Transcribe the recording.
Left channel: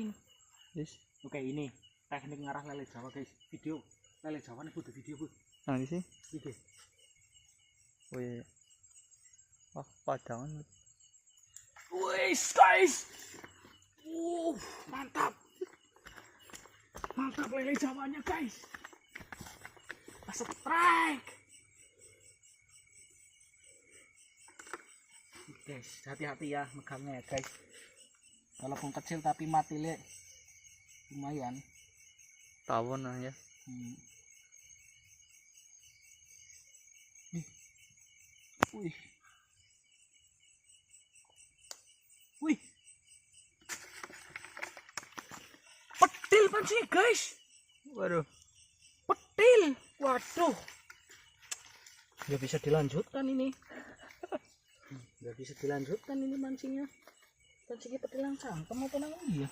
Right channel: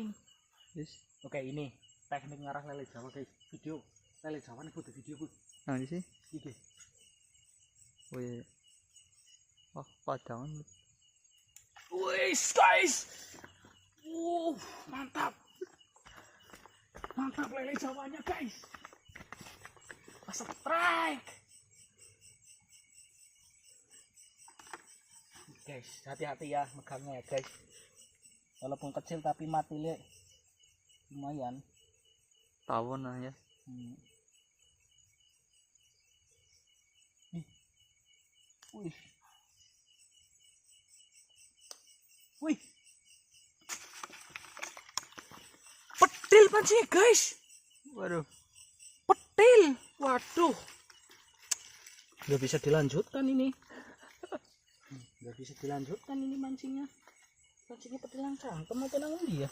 pating. Yes. Oke, ini teknik ngarah lele Jawa, guys. Video lele Jawa nih butuh video, Bu. Nah, di sini. Iki. Wih. Wah, padangan. Wih, guys. Mantap. Mantap lele Jawanya, guys. Strike. Guys, hati-hati ya megangnya ya, guys. Walaupun kecil tapi mati le lumayan. Tawon lah ya. Wih. Wih. Petil pancing, guys. Waduh. Petil. Waduh. Nggak bisa dilanjutkan ini. Nggak bisa dilanjutkan ini mancingnya. Pancingnya petil yang cangkem atau nang ya?